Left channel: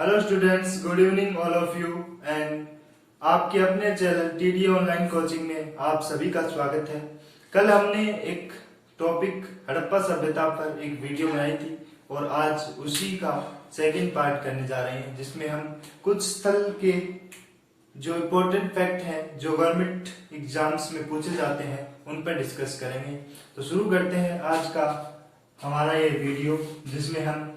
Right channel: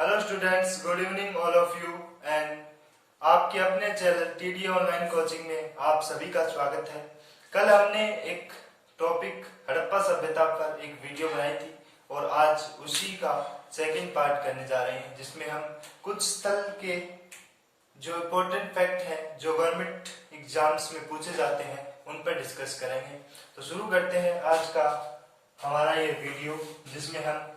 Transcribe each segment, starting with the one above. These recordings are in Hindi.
Hello students, good evening all of you and आपके अपने चैनल टीडी ऑनलाइन कोचिंग में आप सभी का स्वागत है। कल हमने एक टॉपिक हड़प्पा सभ्यता पर एक वीडियो बनाई थी और आज उसी का सेकंड पार्ट करने जा रहे हैं, जिसमें हम कुछ स्थल के जो इम्पोर्टेंट फैक्ट हैं जो गवर्नमेंट एग्जाम्स में पूछे जाते हैं उन पर डिस्कस करेंगे। तो शुरू करते हैं आज का हमारा ये वीडियो, जिसमें हम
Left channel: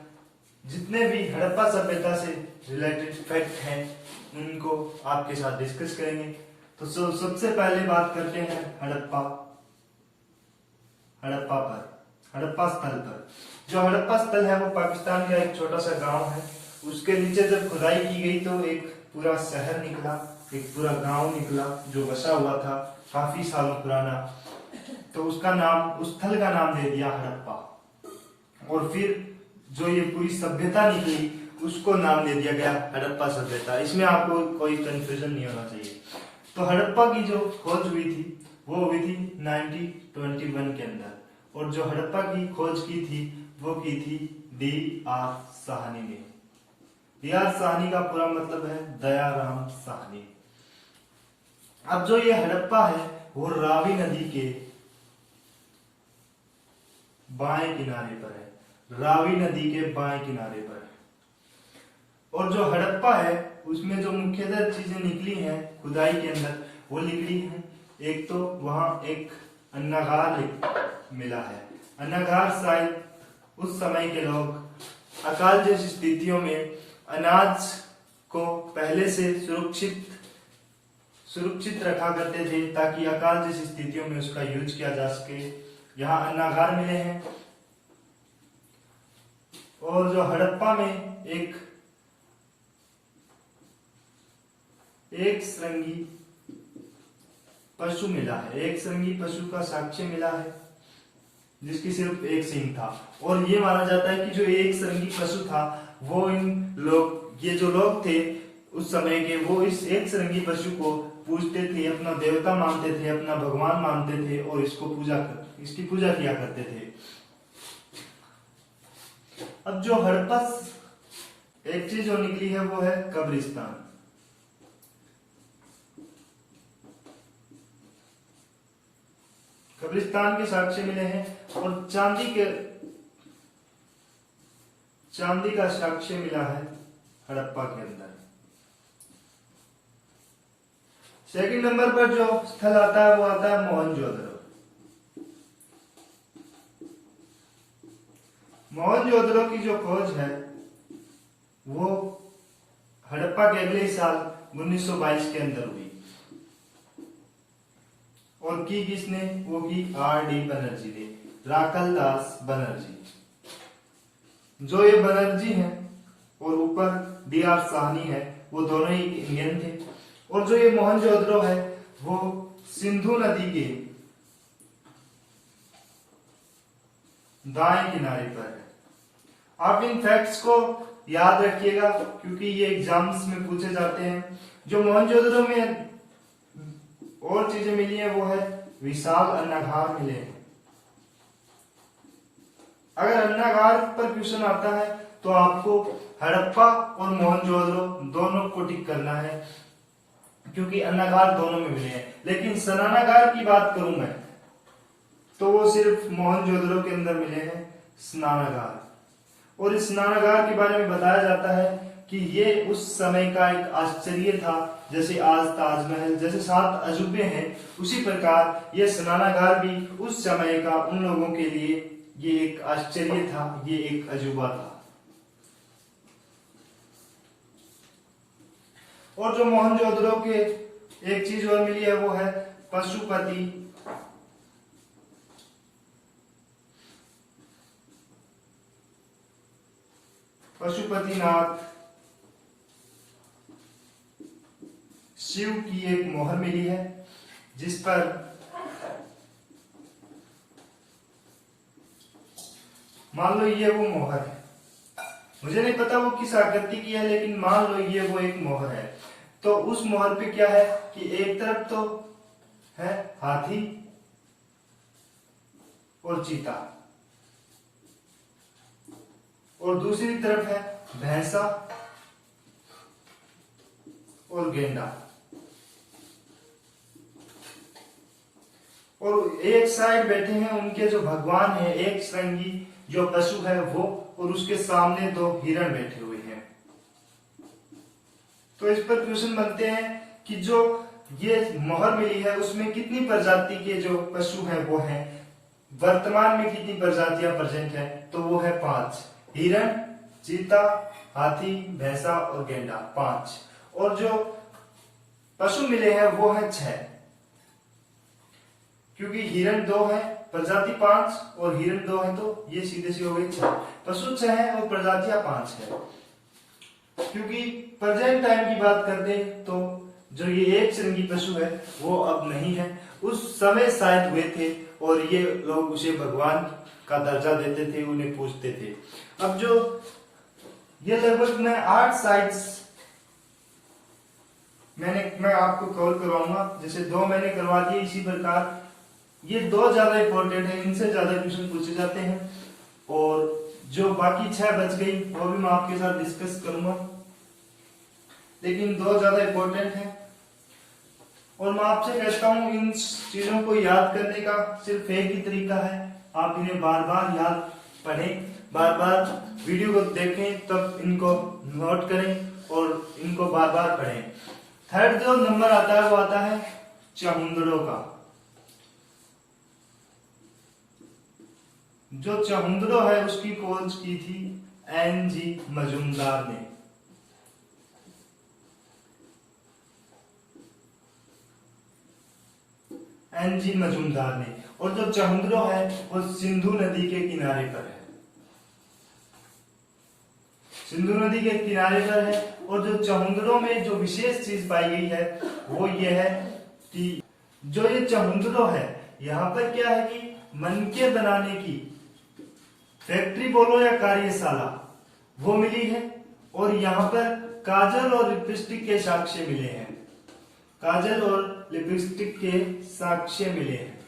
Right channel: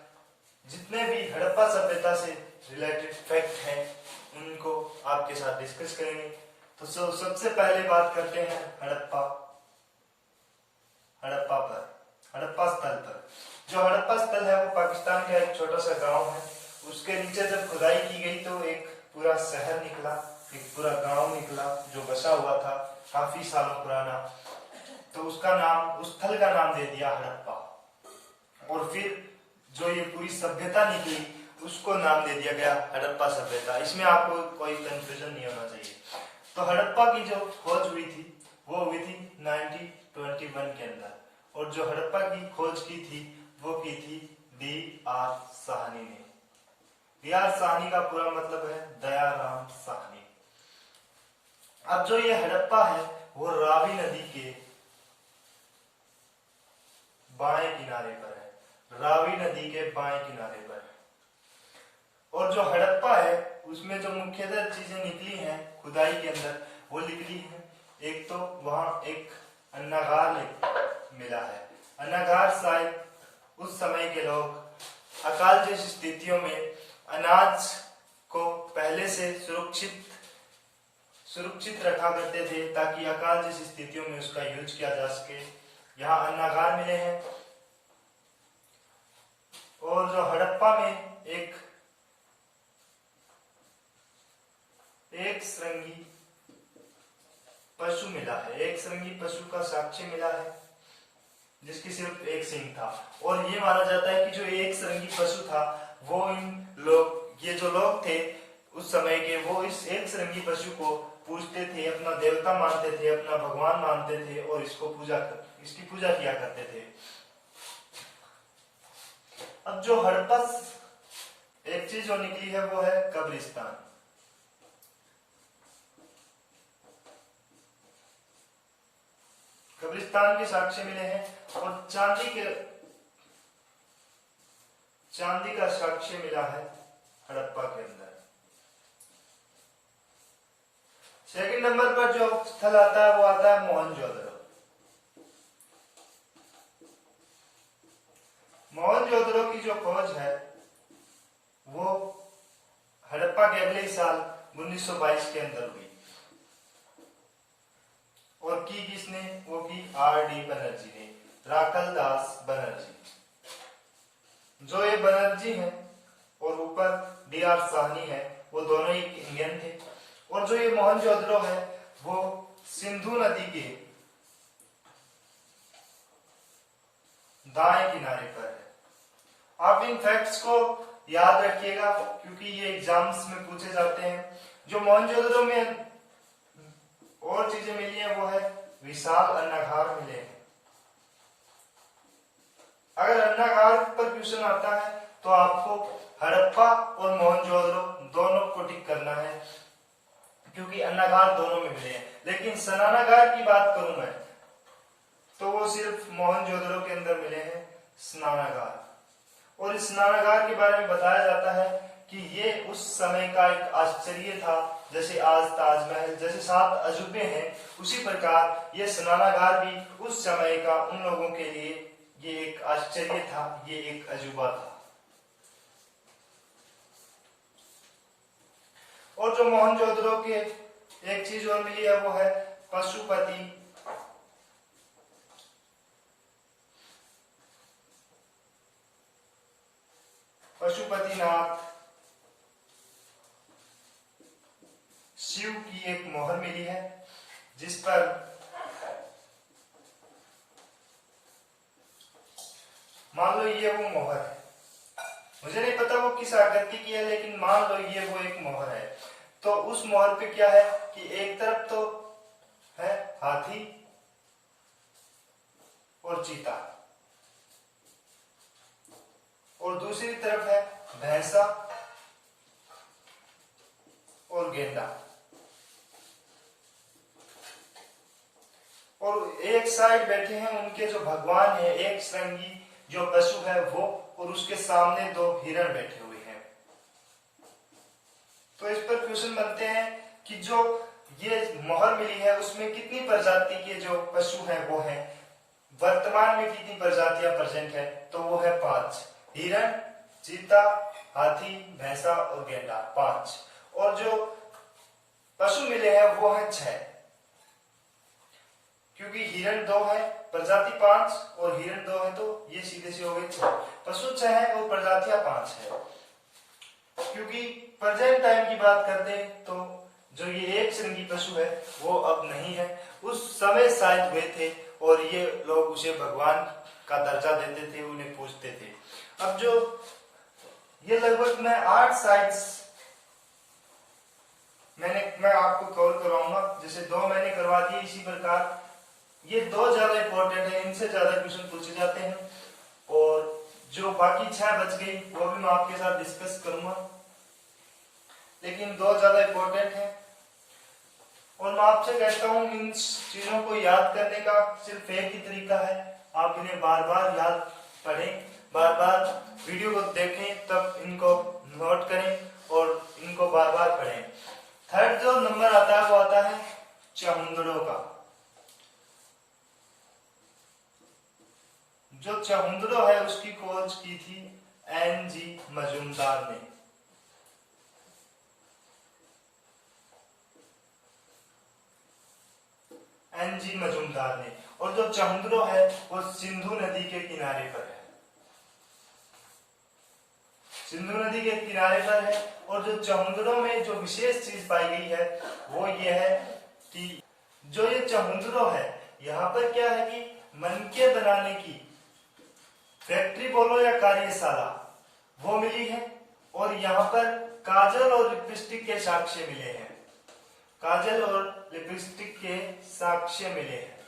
जितने भी हड़प्पा सभ्यता से रिलेटेड फैक्ट हैं उनको आपके साथ डिस्कस करेंगे। तो सबसे पहले बात करते हैं हड़प्पा स्थल पर। जो हड़प्पा स्थल है वो पाकिस्तान का एक छोटा सा गांव है। उसके नीचे जब खुदाई की गई तो एक पूरा शहर निकला, एक पूरा गांव निकला जो बसा हुआ था काफी सालों पुराना। तो उसका नाम, उस स्थल का नाम दे दिया हड़प्पा। और फिर जो ये पूरी सभ्यता निकली उसको नाम दे दिया गया हड़प्पा सभ्यता। इसमें आपको कोई कंफ्यूजन नहीं होना चाहिए। तो हड़प्पा की जो खोज हुई थी वो हुई थी 1921 के अंदर, और जो हड़प्पा की खोज की थी वो की थी D.R. साहनी ने। D.R. साहनी का पूरा मतलब है दयाराम साहनी। अब जो ये हड़प्पा है वो रावी नदी के बाएं किनारे पर है, रावी नदी के बाएं किनारे पर। और जो हड़प्पा है उसमें जो मुख्यतः चीजें निकली हैं खुदाई के अंदर वो निकली हैं। एक तो वहां एक अन्नागार मिला है। अन्नागार शायद उस समय के लोग अकाल जैसी स्थितियों में अनाज को पहले से सुरक्षित रखा करते थे ताकि अकाल जैसी स्थितियों में उसका यूज किया जा सके। यहाँ अन्नागार मिले हैं। और जो हड़प्पा में एक श्रृंगी पशु मिला है, एक श्रृंगी पशु का साक्ष्य मिला है जिसकी सिर्फ एक सींग था। और ये माना जाता है कि जो एक श्रृंगी पशु था वो ये जो लोग थे उस समय के, वो इस एक श्रृंगी पशु को पूजते थे, अपना देवता मानते थे, अपना भगवान मानते थे और इसकी पूजा किया करते थे। अब जो हड़प्पा एक चीज जो निकली है वो है कब्रिस्तान। कब्रिस्तान के साक्ष्य मिले हैं और चांदी का साक्ष्य मिला है हड़प्पा के अंदर। सेकंड नंबर पर जो स्थल आता है वो आता है मोहनजोदड़ो। मोहनजोदड़ो की जो खोज है वो हड़प्पा के अगले साल 1922 के अंदर हुई। और की किसने? वो की R.D. बनर्जी ने, राकल दास बनर्जी। जो ये बनर्जी हैं और ऊपर D.R. साहनी है, वो दोनों ही इंडियन थे। और जो ये मोहनजोदड़ो है वो सिंधु नदी के दाएं किनारे पर है। आप इन फैक्ट्स को याद रखिएगा क्योंकि ये एग्जाम्स में पूछे जाते हैं। जो मोहनजोदड़ो में और चीजें मिली है वो है विशाल अन्नागार मिले हैं। अगर अन्नागार पर क्वेश्चन आता है तो आपको हड़प्पा और मोहनजोदड़ो दोनों को टिक करना है क्योंकि अन्नागार दोनों में मिले हैं। लेकिन स्नानागार की बात करूं मैं तो वो सिर्फ मोहनजोदड़ो के अंदर मिले हैं स्नानागार। और इस स्नानागार के बारे में बताया जाता है कि ये उस समय का एक आश्चर्य था। जैसे आज ताजमहल जैसे 7 अजूबे हैं, उसी प्रकार ये स्नानागार भी उस समय का उन लोगों के लिए ये एक आश्चर्य था, ये एक अजूबा था। और जो मोहनजोदड़ो के एक चीज और मिली है वो है पशुपतिनाथ शिव की एक मोहर मिली है जिस पर मान लो ये वो मोहर है। मुझे नहीं पता वो किस आकृति की है, लेकिन मान लो ये वो एक मोहर है। तो उस मोहर पे क्या है कि एक तरफ तो है हाथी और चीता और दूसरी तरफ है भैंसा और गेंडा। और एक साइड बैठे हैं उनके जो भगवान है, एक श्रृंगी जो पशु है वो, और उसके सामने 2 हिरण बैठे हुए हैं। तो इस पर क्वेश्चन बनते हैं कि जो ये मोहर मिली है उसमें कितनी प्रजाति के जो पशु हैं वो हैं, वर्तमान में कितनी प्रजातियां प्रेजेंट है, तो वो है 5। हिरण, चीता, हाथी, भैंसा और गेंडा 5। और जो पशु मिले हैं वो है 6, क्योंकि हिरण 2 है, प्रजाति 5 और हिरण 2 है, तो ये सीधे से हो गई 6। पशु 6 है और प्रजातियां 5 है। क्योंकि प्रेजेंट टाइम की बात करते हैं तो जो ये एक श्रृंगी पशु है वो अब नहीं है, उस समय शायद हुए थे और ये लोग उसे भगवान का दर्जा देते थे, उन्हें पूजते थे। अब जो ये लगभग मैं 8 साइट्स मैं आपको कवर करवाऊंगा, जैसे 2 मैंने करवा दिए। इसी प्रकार ये 2 ज्यादा इंपॉर्टेंट है, इनसे ज्यादा क्वेश्चन पूछे जाते हैं, और जो बाकी 6 बच गई वो भी मैं आपके साथ डिस्कस करूंगा, लेकिन 2 ज्यादा इंपॉर्टेंट है। और मैं आपसे कहता हूं इन चीजों को याद करने का सिर्फ एक ही तरीका है, आप इन्हें बार बार याद पढ़ें, बार बार वीडियो को देखें, तब इनको नोट करें और इनको बार बार पढ़ें। थर्ड जो नंबर आता है वो आता है चहुंदड़ों का। जो चहुंदड़ो है उसकी खोज की थी एन.जी. मजूमदार ने। एन.जी. मजूमदार ने। और जो चहुंदड़ो है वो सिंधु नदी के किनारे पर है, सिंधु नदी के किनारे पर है। और जो चहुंदड़ो में जो विशेष चीज पाई गई है वो ये है कि जो ये चहुंदड़ो है यहाँ पर क्या है कि मनके बनाने की फैक्ट्री बोलो या कार्यशाला वो मिली है, और यहाँ पर काजल और लिपस्टिक के साक्ष्य मिले हैं, काजल और लिपस्टिक के साक्ष्य मिले हैं।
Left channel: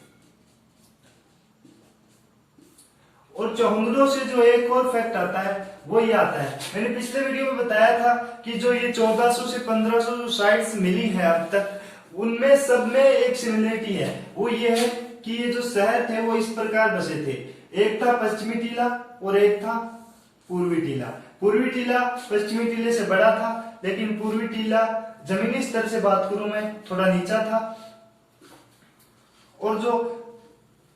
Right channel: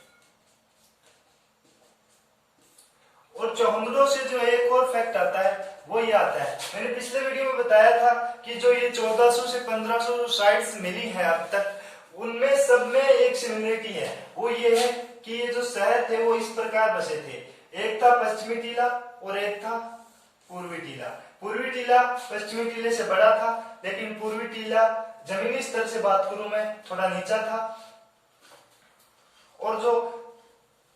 और चहुंदड़ों से जो एक और फैक्ट आता है वो ये आता है, मैंने पिछले वीडियो में बताया था कि जो ये 1400 से 1500 जो साइट्स मिली है अब तक, उनमें सब में एक सिमिलरिटी है, वो ये है कि ये जो शहर थे वो इस प्रकार बसे थे। एक था पश्चिमी टीला और एक था पूर्वी टीला। पूर्वी टीला पश्चिमी टीले से बड़ा था, लेकिन पूर्वी टीला जमीनी स्तर से बात करूं मैं थोड़ा नीचा था। और जो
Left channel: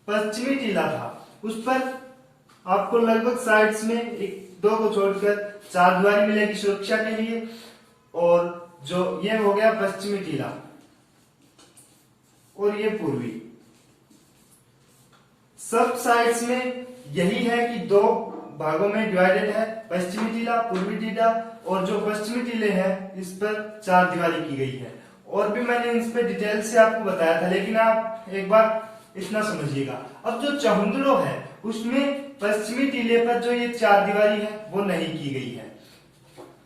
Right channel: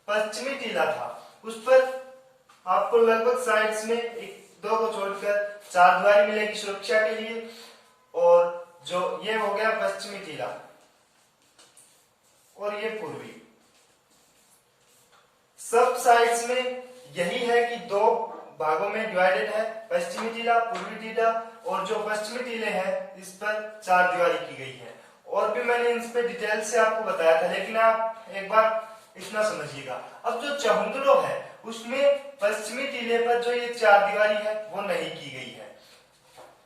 पश्चिमी टीला था उस पर आपको लगभग साइड्स में 1-2 को छोड़कर 4 दीवारी मिलेगी सुरक्षा के लिए। और जो ये हो गया पश्चिमी टीला और ये पूर्वी। सब साइड्स में यही है कि 2 भागों में डिवाइडेड है, पश्चिमी टीला, पूर्वी टीला। और जो पश्चिमी टीले हैं इस पर 4 दीवारी की गई है। और भी मैंने इस पे डिटेल से आपको बताया था, लेकिन आप एक बार इतना समझिएगा। अब जो चहुंदड़ो है उसमें पश्चिमी टीले पर जो ये 4 दीवारी है वो नहीं की गई है,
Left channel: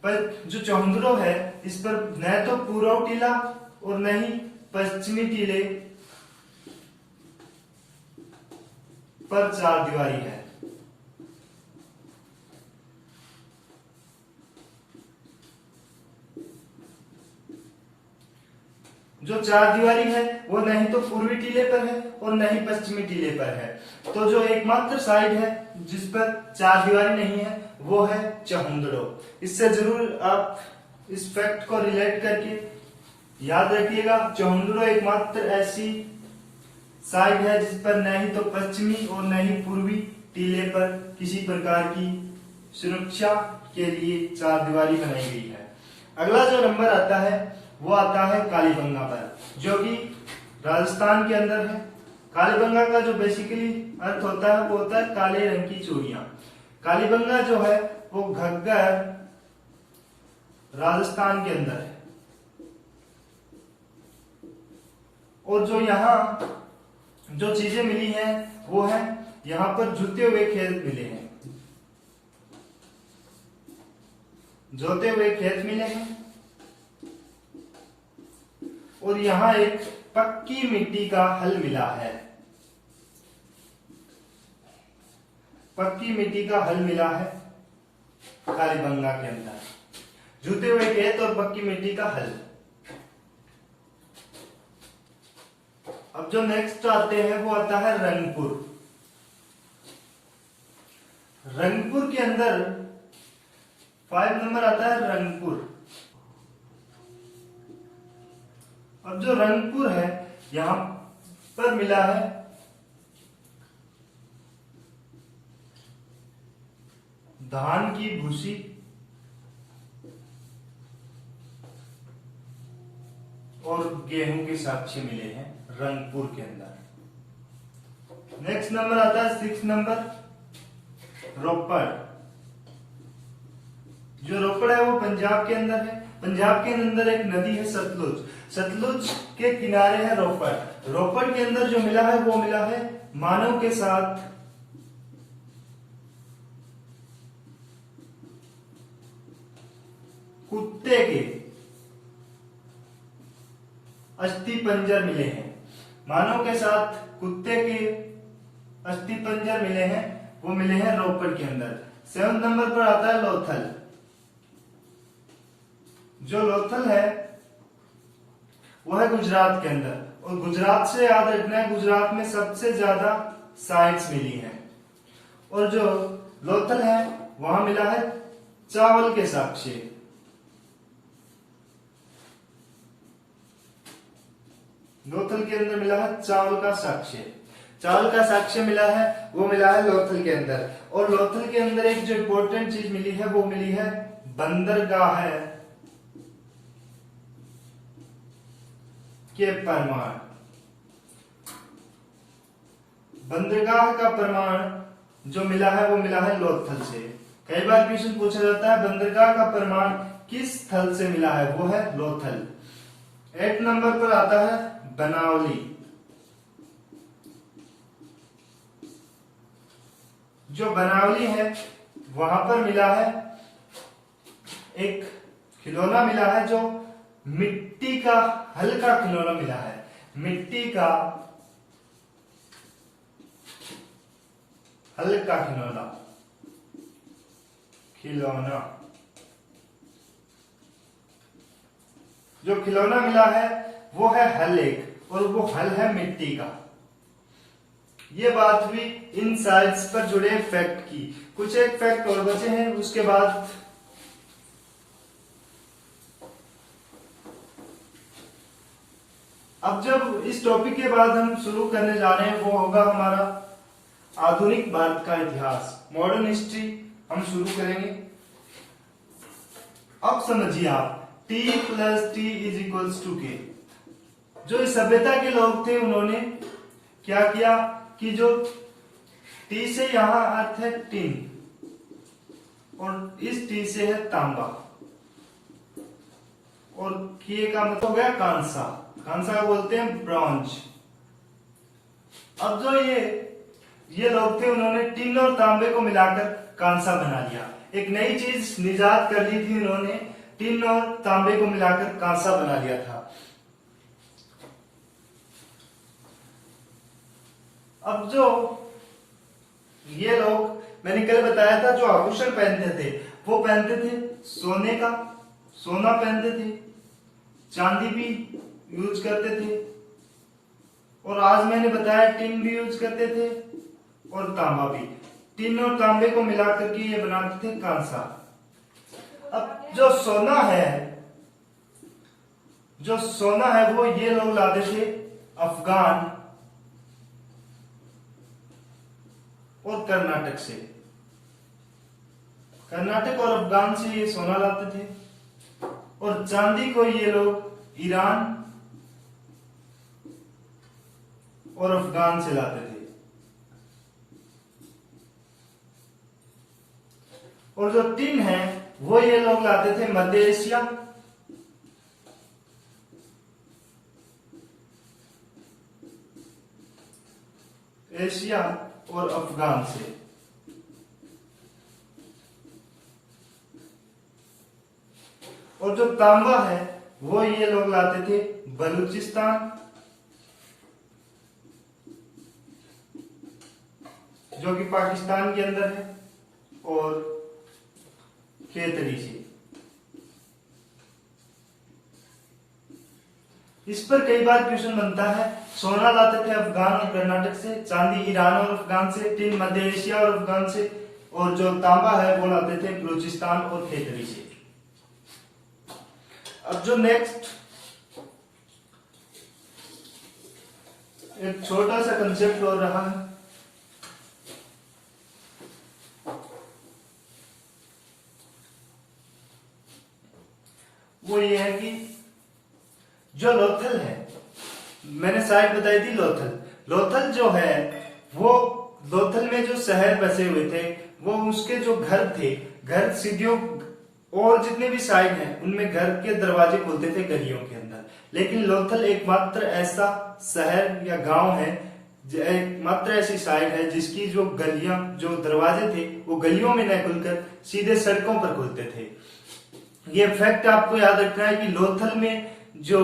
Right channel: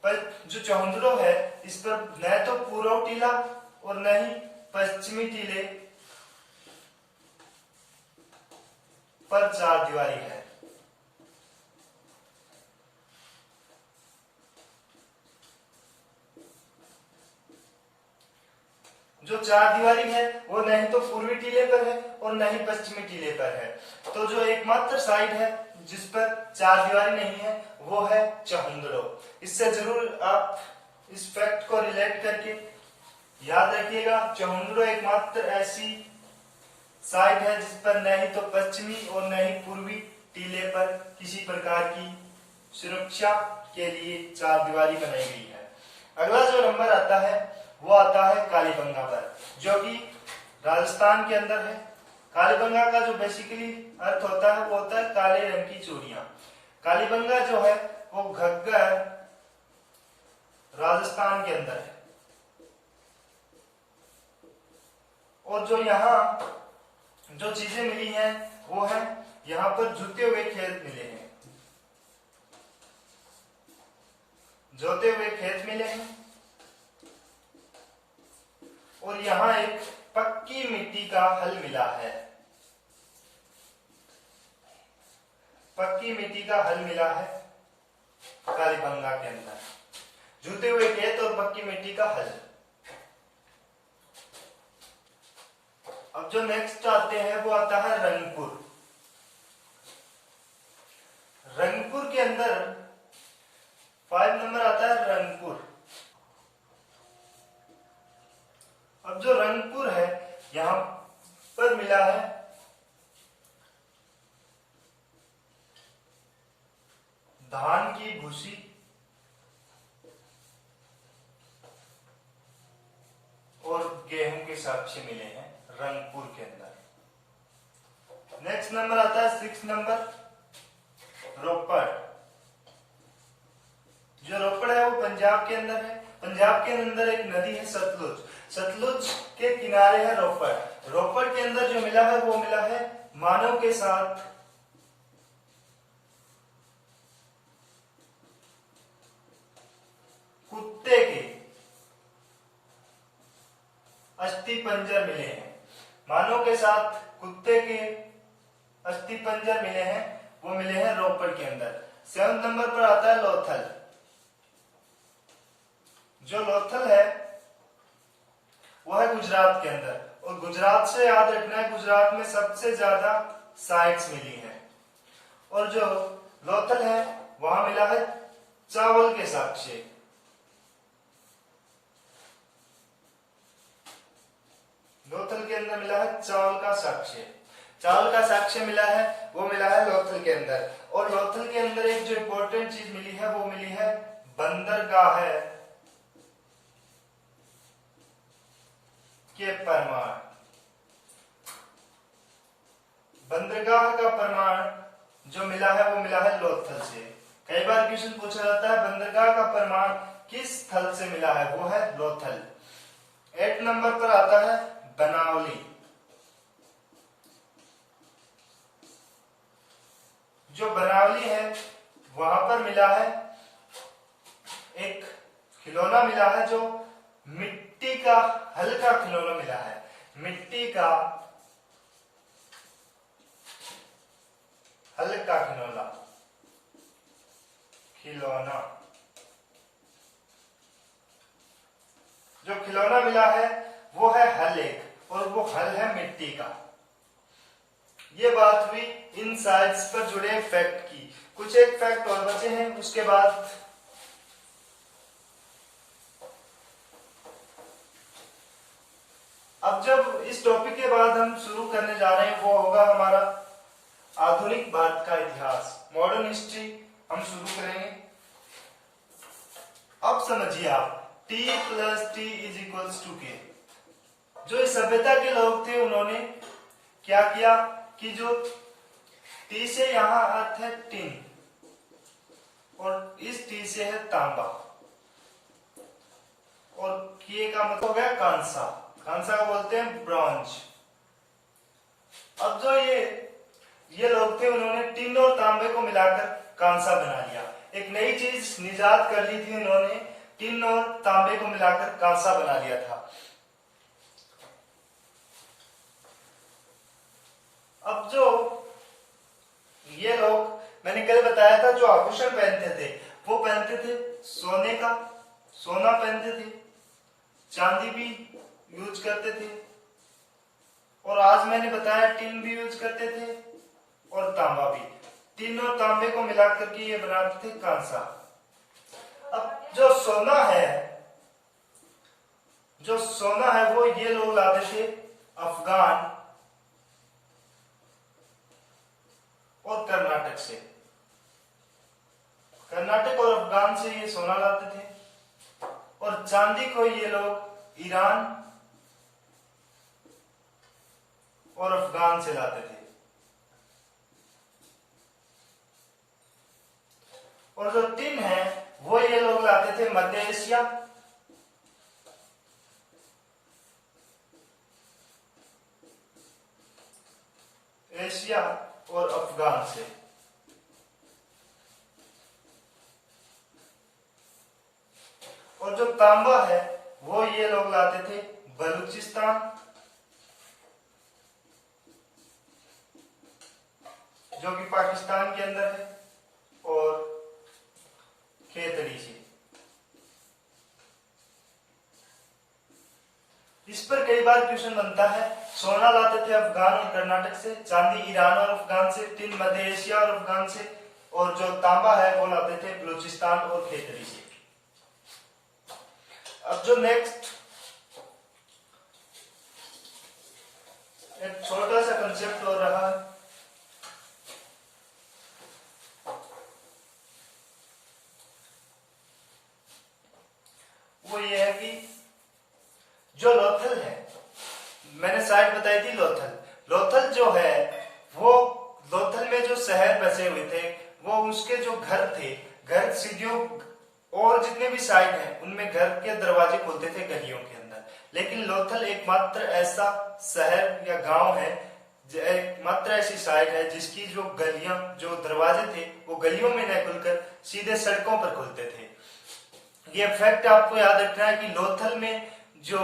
पर जो चहुंदड़ो है इस पर न तो पूर्व टीला और न ही पश्चिमी टीले पर 4 दीवारी है। जो 4 दीवारी है वो नहीं तो पूर्वी टीले पर है और न ही पश्चिमी टीले पर है। तो जो एकमात्र साइड है जिस पर 4 दीवारी नहीं है वो है चहुंदड़ो। इससे जरूर आप इस फैक्ट को रिलेट करके याद रखिएगा। चहुंदड़ो एकमात्र ऐसी साइड है जिस पर न ही तो पश्चिमी और न ही पूर्वी टीले पर किसी प्रकार की सुरक्षा के लिए 4 दीवारी बनाई गई है। अगला जो नंबर आता है वो आता है कालीबंगा पर, जो कि राजस्थान के अंदर है। कालीबंगा का जो बेसिकली अर्थ होता है वो होता है काले रंग की चूड़ियां। कालीबंगा जो है वो घग्गर राजस्थान के अंदर है। और जो यहाँ जो चीजें मिली हैं वो है यहाँ पर जुते हुए खेत मिले हैं, जोते हुए खेत मिले हैं। और यहाँ एक पक्की मिट्टी का हल मिला है, पक्की मिट्टी का हल मिला है कालीबंगा के अंदर। जूते हुए खेत और पक्की मिट्टी का हल, अब जो नेक्स्ट आते हैं वो आता है रंगपुर। रंगपुर के अंदर 5 नंबर आता है रंगपुर। अब जो रंगपुर है यहां पर मिला है धान की भूसी और गेहूं के साक्ष्य मिले हैं रंगपुर के अंदर। नेक्स्ट नंबर आता है 6 नंबर रोपड़। जो रोपड़ है वो पंजाब के अंदर है। पंजाब के अंदर एक नदी है सतलुज। सतलुज के किनारे है रोपड़। रोपड़ के अंदर जो मिला है वो मिला है मानव के साथ कुत्ते के अस्थि पंजर मिले हैं। मानव के साथ कुत्ते के अस्थि पंजर मिले हैं, वो मिले हैं रोपड़ के अंदर। 7 नंबर पर आता है लोथल। जो लोथल है वो है गुजरात के अंदर, और गुजरात से याद रखना है गुजरात में सबसे ज्यादा साइट्स मिली हैं। और जो लोथल है वहां मिला है चावल के साक्ष्य। लोथल के अंदर मिला है चावल का साक्ष्य। चावल का साक्ष्य मिला है वो मिला है लोथल के अंदर। और लोथल के अंदर एक जो इंपॉर्टेंट चीज मिली है वो मिली है बंदरगाह है के प्रमाण। बंदरगाह का प्रमाण जो मिला है वो मिला है लोथल से। कई बार क्वेश्चन पूछा जाता है बंदरगाह का प्रमाण किस स्थल से मिला है, वो है लोथल। 8 नंबर पर आता है बनावली। जो बनावली है वहां पर मिला है एक खिलौना मिला है, जो मिट्टी का हल्का खिलौना मिला है। मिट्टी का हल्का खिलौना जो खिलौना मिला है वो है हल एक, और वो हल है मिट्टी का। ये बात हुई इन साइड्स पर जुड़े फैक्ट की। कुछ एक फैक्ट और बचे हैं, उसके बाद अब जब इस टॉपिक के बाद हम शुरू करने जा रहे हैं वो होगा हमारा आधुनिक भारत का इतिहास, मॉडर्न हिस्ट्री हम शुरू करेंगे। अब समझिए आप T + T = K। जो इस सभ्यता के लोग थे उन्होंने क्या किया कि जो T से यहां अर्थ है टिन, और इस T से है तांबा, और K का मतलब हो गया कांसा। कांसा को बोलते हैं ब्रॉन्ज। अब जो ये लोग थे उन्होंने टिन और तांबे को मिलाकर कांसा बना लिया। एक नई चीज निजात कर ली थी उन्होंने, टिन और तांबे को मिलाकर कांसा बना लिया था। अब जो ये लोग, मैंने कल बताया था, जो आभूषण पहनते थे वो पहनते थे सोने का, सोना पहनते थे, चांदी भी यूज करते थे, और आज मैंने बताया टिन भी यूज करते थे और तांबा भी। टिन और तांबे को मिलाकर के ये बनाते थे कांसा। अब जो सोना है वो ये लोग लाते थे अफगान और कर्नाटक से। कर्नाटक और अफगान से ये सोना लाते थे, और चांदी को ये लोग ईरान और अफगान से लाते थे। और जो टिन है वो ये लोग लाते थे मध्य एशिया और अफगान से। और जो तांबा है वो ये लोग लाते थे बलूचिस्तान, जो कि पाकिस्तान के अंदर है, और खेतड़ी से। इस पर कई बार क्वेश्चन बनता है। सोना लाते थे अफगान और कर्नाटक से, चांदी ईरान और अफगान से, टिन मध्य एशिया और अफगान से, और जो तांबा है वो लाते थे बलूचिस्तान और खेतरी से। अब जो नेक्स्ट एक छोटा सा कंसेप्ट और रहा है, वो ये है कि जो लोथल है, मैंने साइट बताई थी लोथल जो है वो लोथल में जो शहर बसे हुए थे वो उसके जो घर थे, घर सीढ़ियों और जितने भी साइड हैं उनमें घर के दरवाजे खुलते थे गलियों के अंदर। लेकिन लोथल एकमात्र ऐसा शहर या गांव है, एकमात्र ऐसी साइड है जिसकी जो गलियां, जो दरवाजे थे वो गलियों में न खुलकर सीधे सड़कों पर खुलते थे। ये फैक्ट आपको याद रखना है कि लोथल में जो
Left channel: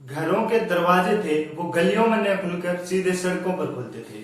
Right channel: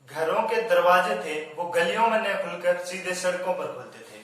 घरों के दरवाजे थे वो गलियों में न खुलकर सीधे सड़कों पर खुलते थे।